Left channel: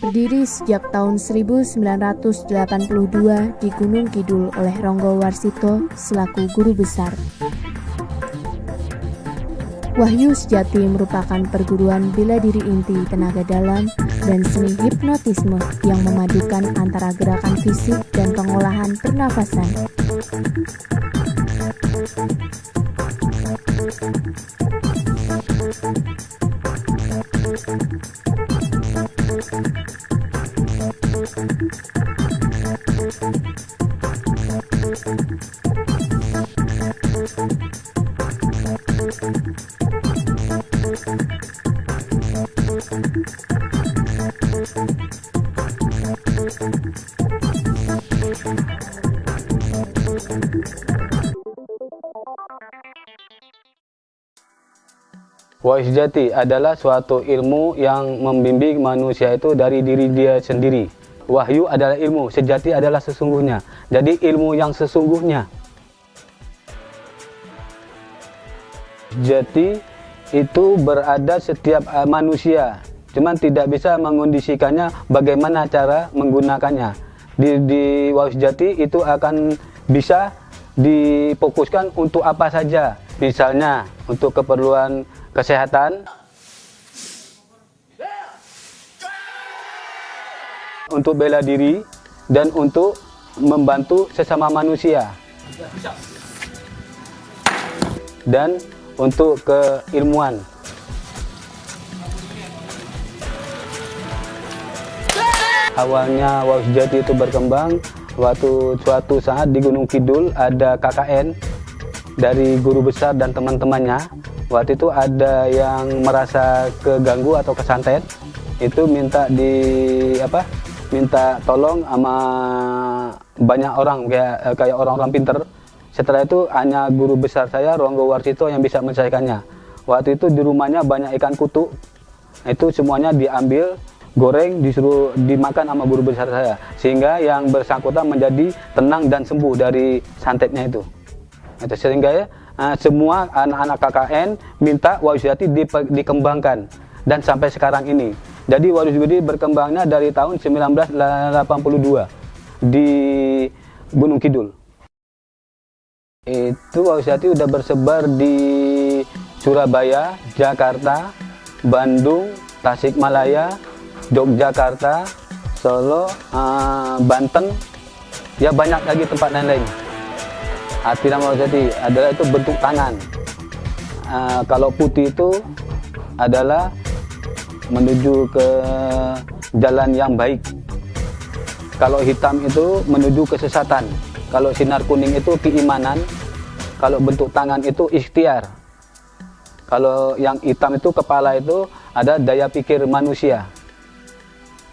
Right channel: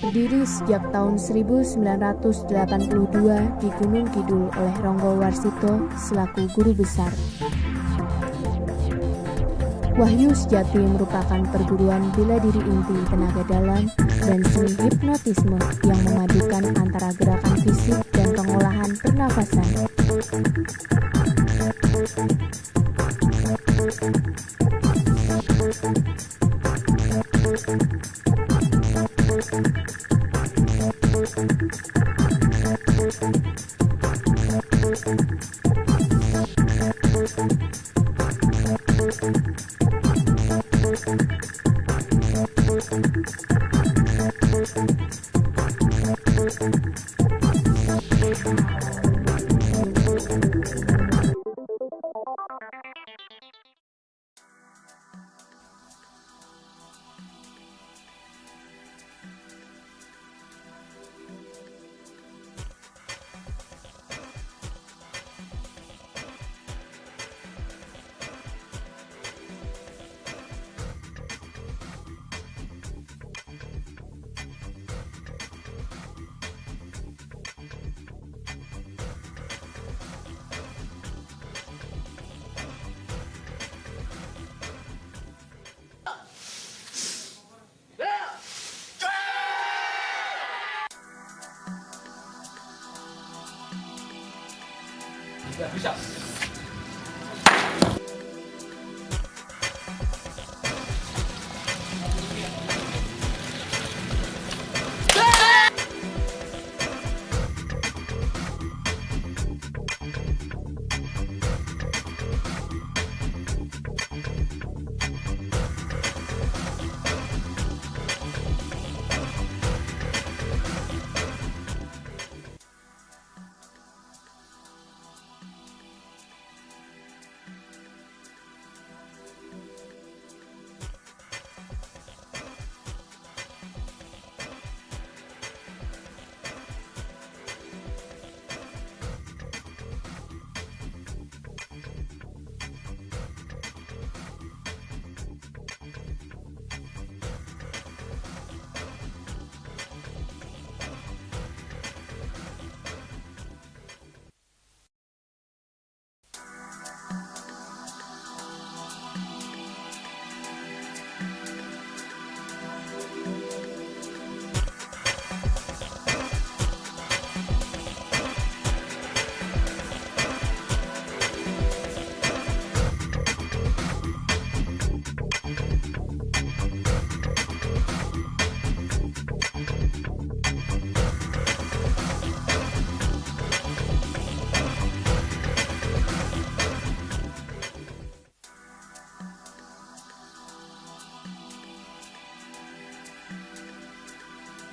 Berdiri sejak tahun 1982 di Gunung Kidul oleh Ronggo Warsito selaku guru besar. Wahyu Sejati merupakan perguruan bela diri inti, tenaga dalam, dan seni hipnotisme yang memadukan antara gerakan fisik dan pengolahan pernafasan. Wahyu Sejati adalah suatu ilmu yang membimbing manusia itu dari diri dia sendiri. Wahyu adalah ilmu, sejati adalah sesungguhnya. Jadi ilmu yang sesungguhnya. Jati itu berada setiap manusia, cuman tidak bisa mengondisikannya bagaimana cara menggunakannya. Di Wahyu Sejati itu akan bisa difokuskan untuk apa saja. Misalnya untuk keperluan kesehatan, untuk bela diri, dan untuk membantu sesama manusia, dan untuk keilmuan. Awalnya Wahyu Sejati itu berkembang suatu saat di Gunung Kidul ada KKN dari guru besar dan teman-temannya. Waktu itu ada yang merasa keganggu atau kesantet, itu minta tolong sama banyak orang kayak orang-orang pinter. Setelah itu hanya guru besar saya Ronggo Warsito yang bisa menyelesaikannya. Waktu itu di rumahnya banyak ikan kutu, itu semuanya diambil, goreng, disuruh dimakan sama guru besar saya, sehingga yang bersangkutan menjadi tenang dan sembuh dari santetnya itu. Sehingga semua anak-anak KKN minta Wahyu Sejati dikembangkan, dan sampai sekarang ini. Jadi Wahyu Sejati berkembangnya dari tahun 1982 di Gunung Kidul. Itu Wahyu Sejati udah bersebar di Surabaya, Jakarta, Bandung, Tasikmalaya, Yogyakarta, Solo, Banten, ya banyak lagi tempat lain-lain. Arti nama Wahyu Sejati adalah itu bentuk tangan. Kalau putih itu adalah menuju ke jalan yang baik. Kalau hitam itu menuju kesesatan. Kalau sinar kuning itu keimanan. Kalau bentuk tangan itu ikhtiar. Kalau yang hitam itu kepala itu ada daya pikir manusia.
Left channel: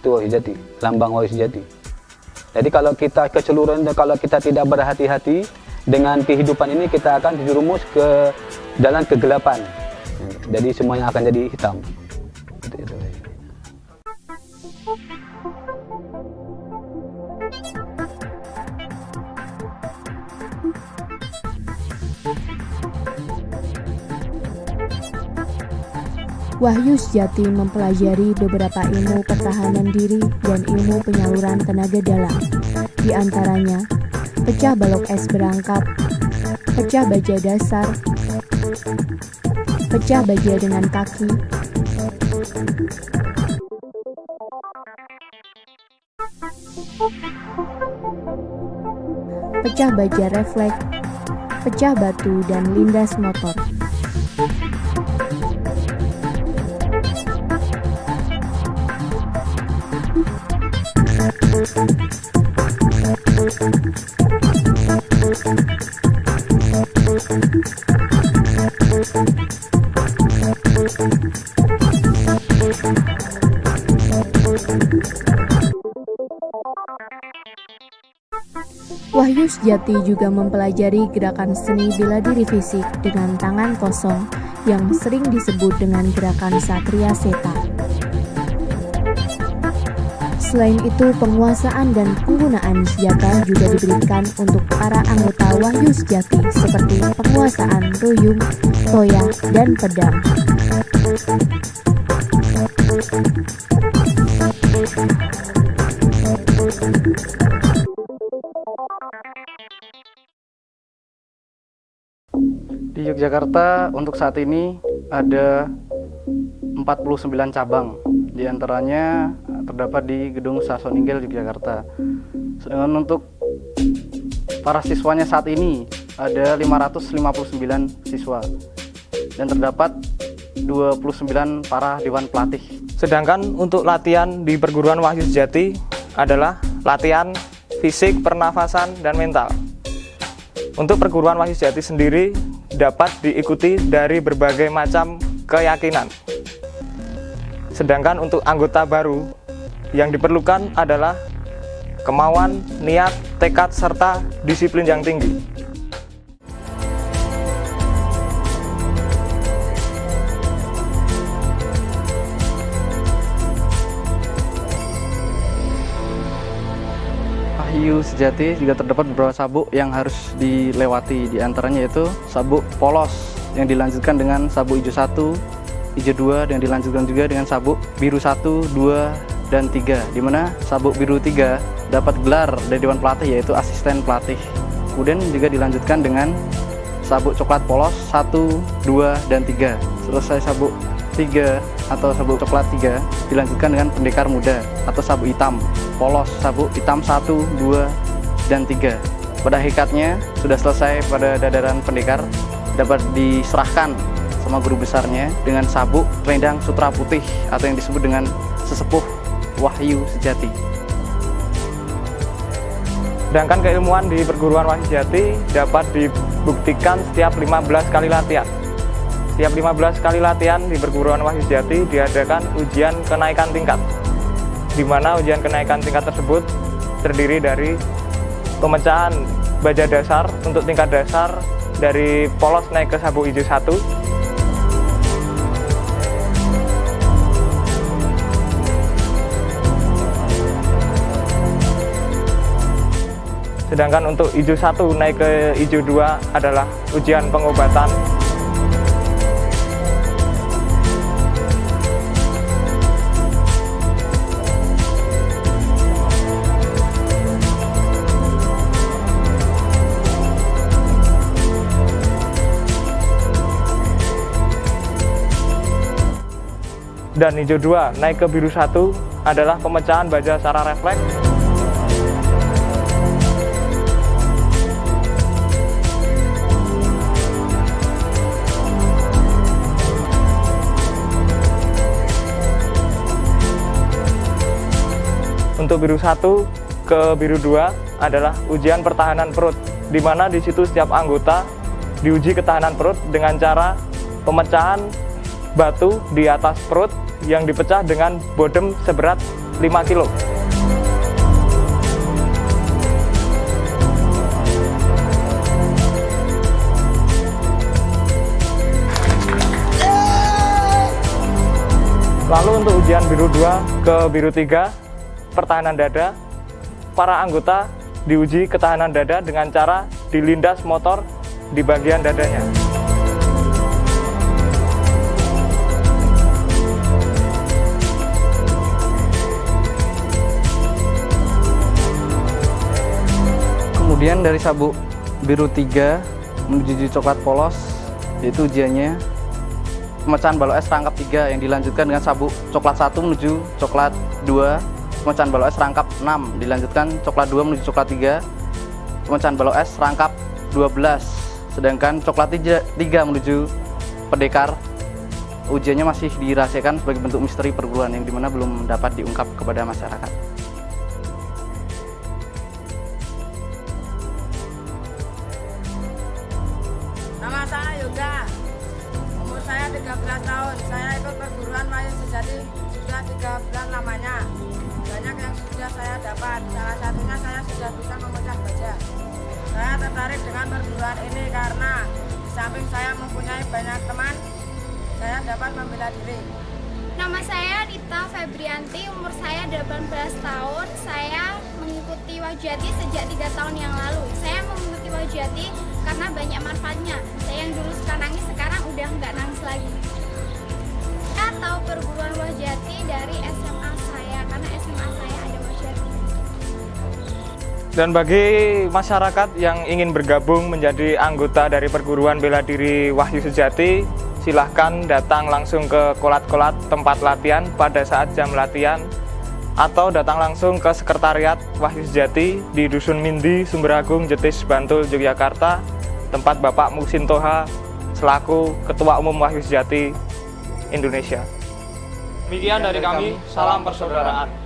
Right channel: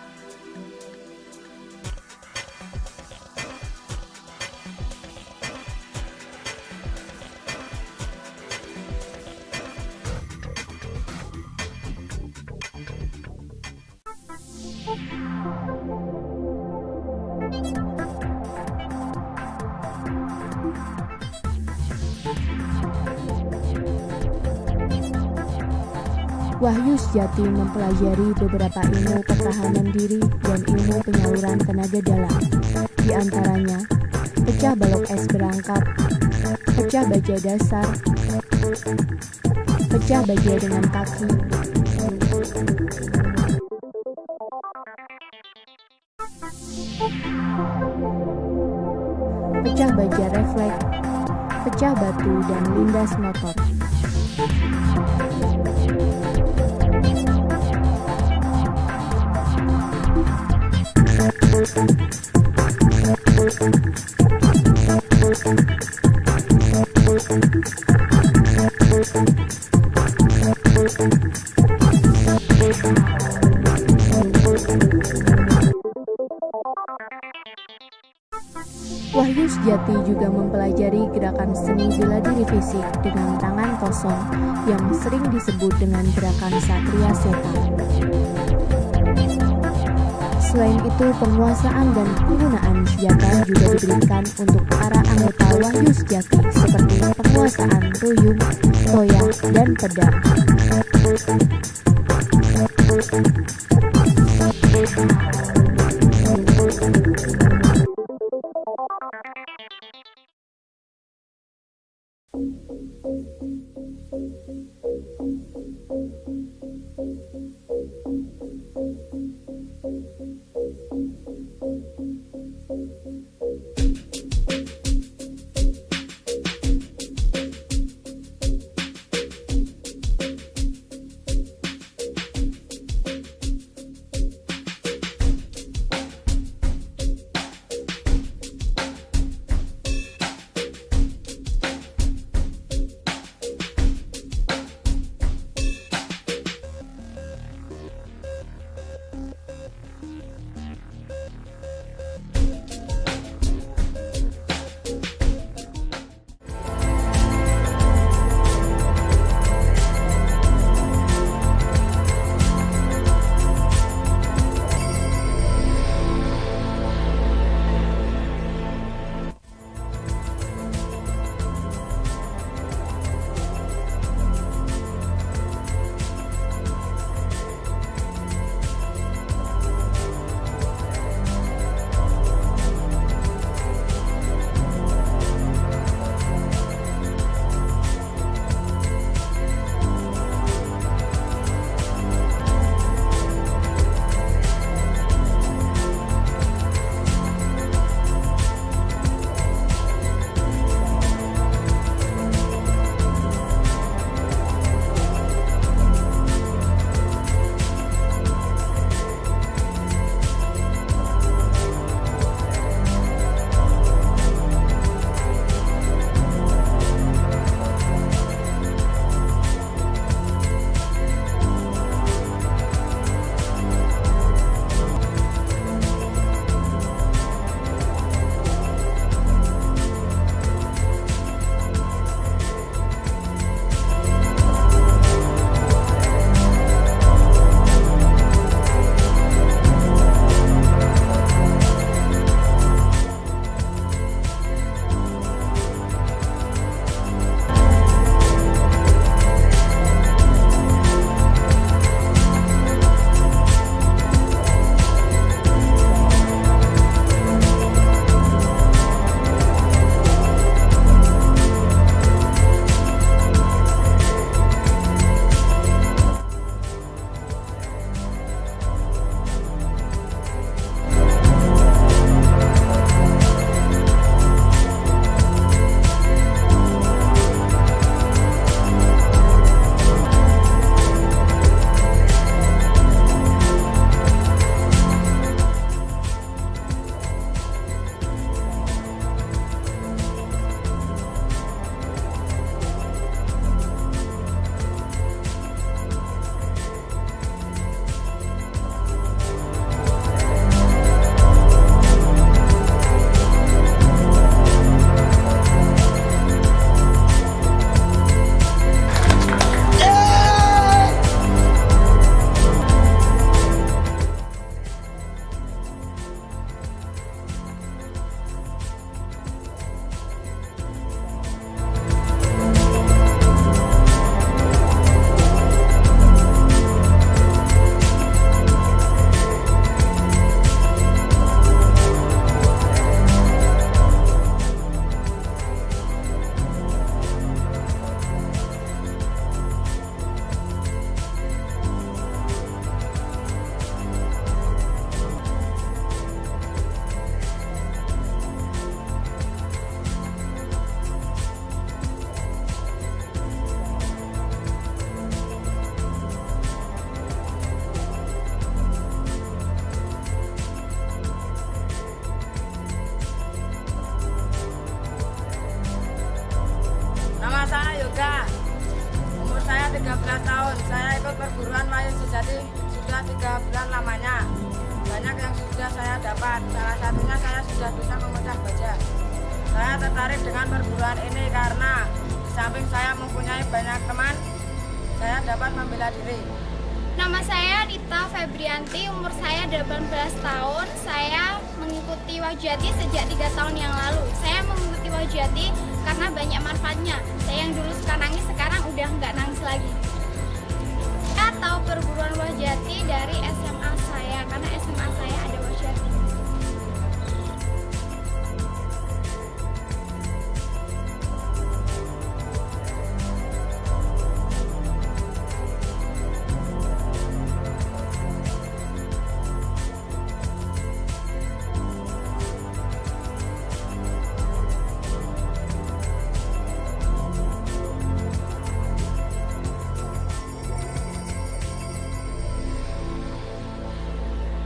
Itu Wahyu Sejati, lambang Wahyu Sejati. Jadi kalau kita keseluruhan, kalau kita tidak berhati-hati dengan kehidupan ini, kita akan terjerumus ke jalan kegelapan. Jadi semuanya akan jadi hitam. Wahyu Sejati mempelajari beberapa ilmu pertahanan diri dan ilmu penyaluran tenaga dalam. Di antaranya, pecah balok es berangkat, pecah baja dasar, pecah baja dengan kaki, pecah baja refleks, pecah batu dan lindas motor. Wahyu Sejati juga mempelajari gerakan seni bela diri fisik dengan tangan kosong yang sering disebut dengan gerakan Satria Seta. Selain itu, penguasaan dan penggunaan senjata juga diberikan untuk para anggota Wahyu Sejati seperti penguasaan ruyung, toya, dan pedang. Di Yogyakarta untuk saat ini ada 49 cabang, di antaranya terdapat di Gedung Sasoninggal Yogyakarta. Sedangkan untuk para siswanya saat ini ada 559 siswa dan terdapat 29 para dewan pelatih. Sedangkan untuk latihan di perguruan Wahyu Sejati adalah latihan fisik, pernafasan, dan mental. Untuk perguruan Wahyu Sejati sendiri dapat diikuti dari berbagai macam keyakinan. Sedangkan untuk anggota baru yang diperlukan adalah kemauan, niat, tekad, serta disiplin yang tinggi. Wahyu Sejati juga terdapat beberapa sabuk yang harus dilewati, di antaranya yaitu sabuk polos yang dilanjutkan dengan sabuk hijau 1, hijau 2, dan dilanjutkan juga dengan sabuk biru 1, 2, dan 3, di mana sabuk biru 3 dapat gelar dari dewan pelatih yaitu asisten pelatih. Kemudian juga dilanjutkan dengan sabuk coklat polos 1, 2, dan 3. Selesai sabuk 3 atau sabuk coklat 3 dilanjutkan dengan pendekar muda atau sabuk hitam polos, sabuk hitam 1, 2, dan 3. Pada hakikatnya sudah selesai pada dadaran pendekar, dapat diserahkan sama guru besarnya dengan sabuk selendang sutra putih atau yang disebut dengan sesepuh Wahyu Sejati. Sedangkan keilmuan di perguruan Wahyu Sejati dapat dibuktikan setiap 15 kali latihan. Setiap 15 kali latihan di perguruan Wahyu Sejati diadakan ujian kenaikan tingkat, di mana ujian kenaikan tingkat tersebut terdiri dari pemecahan baja dasar untuk tingkat dasar dari polos naik ke sabuk hijau 1, sedangkan untuk hijau 1 naik ke hijau 2 adalah ujian pengobatan. Dan hijau 2 naik ke biru 1 adalah pemecahan baja secara refleks. Untuk biru 1 ke biru 2 adalah ujian pertahanan perut, di mana di situ setiap anggota diuji ketahanan perut dengan cara pemecahan batu di atas perut yang dipecah dengan bodem seberat 5 kilo. Lalu untuk ujian biru 2 ke biru 3 pertahanan dada, para anggota diuji ketahanan dada dengan cara dilindas motor di bagian dadanya. Kemudian dari sabuk biru 3 menuju coklat polos, yaitu ujiannya pemecahan balok es rangkap 3 yang dilanjutkan dengan sabuk coklat 1 menuju coklat 2, pemecahan balok es rangkap 6 dilanjutkan coklat 2 menuju coklat 3, pemecahan balok es rangkap 12, sedangkan coklat 3 menuju pendekar. Ujiannya masih dirahasiakan sebagai bentuk misteri perguruan yang dimana belum dapat diungkap kepada masyarakat. Nama saya Yoga, umur saya 13 tahun. Saya ikut perguruan Wahyu Sejati sudah 3 bulan lamanya. Banyak yang sudah saya dapat, salah satunya saya sudah bisa memecah baja. Saya tertarik dengan perguruan ini karena di samping saya mempunyai banyak teman, saya dapat membela diri. Nama saya Rita Febrianti, umur saya 18 tahun. Saya mengikuti Wahyu Sejati sejak 3 tahun yang lalu. Saya mengikuti Wahyu Sejati karena banyak manfaatnya. Saya yang dulu suka nangis, sekarang udah nggak nangis lagi. Saya tahu perguruan Wahyu Sejati dari SMA saya, karena SMA saya ada Wahyujati. Dan bagi masyarakat yang ingin bergabung menjadi anggota dari Perguruan Bela Diri Wahyu Sejati, silahkan datang langsung ke kolat-kolat tempat latihan pada saat jam latihan, atau datang langsung ke Sekretariat Wahyu Sejati di Dusun Mindi, Sumberagung, Jetis, Bantul, Yogyakarta, tempat Bapak Muhsin Toha selaku Ketua Umum Wahyu Sejati Indonesia. Demikian dari kami, salam persaudaraan.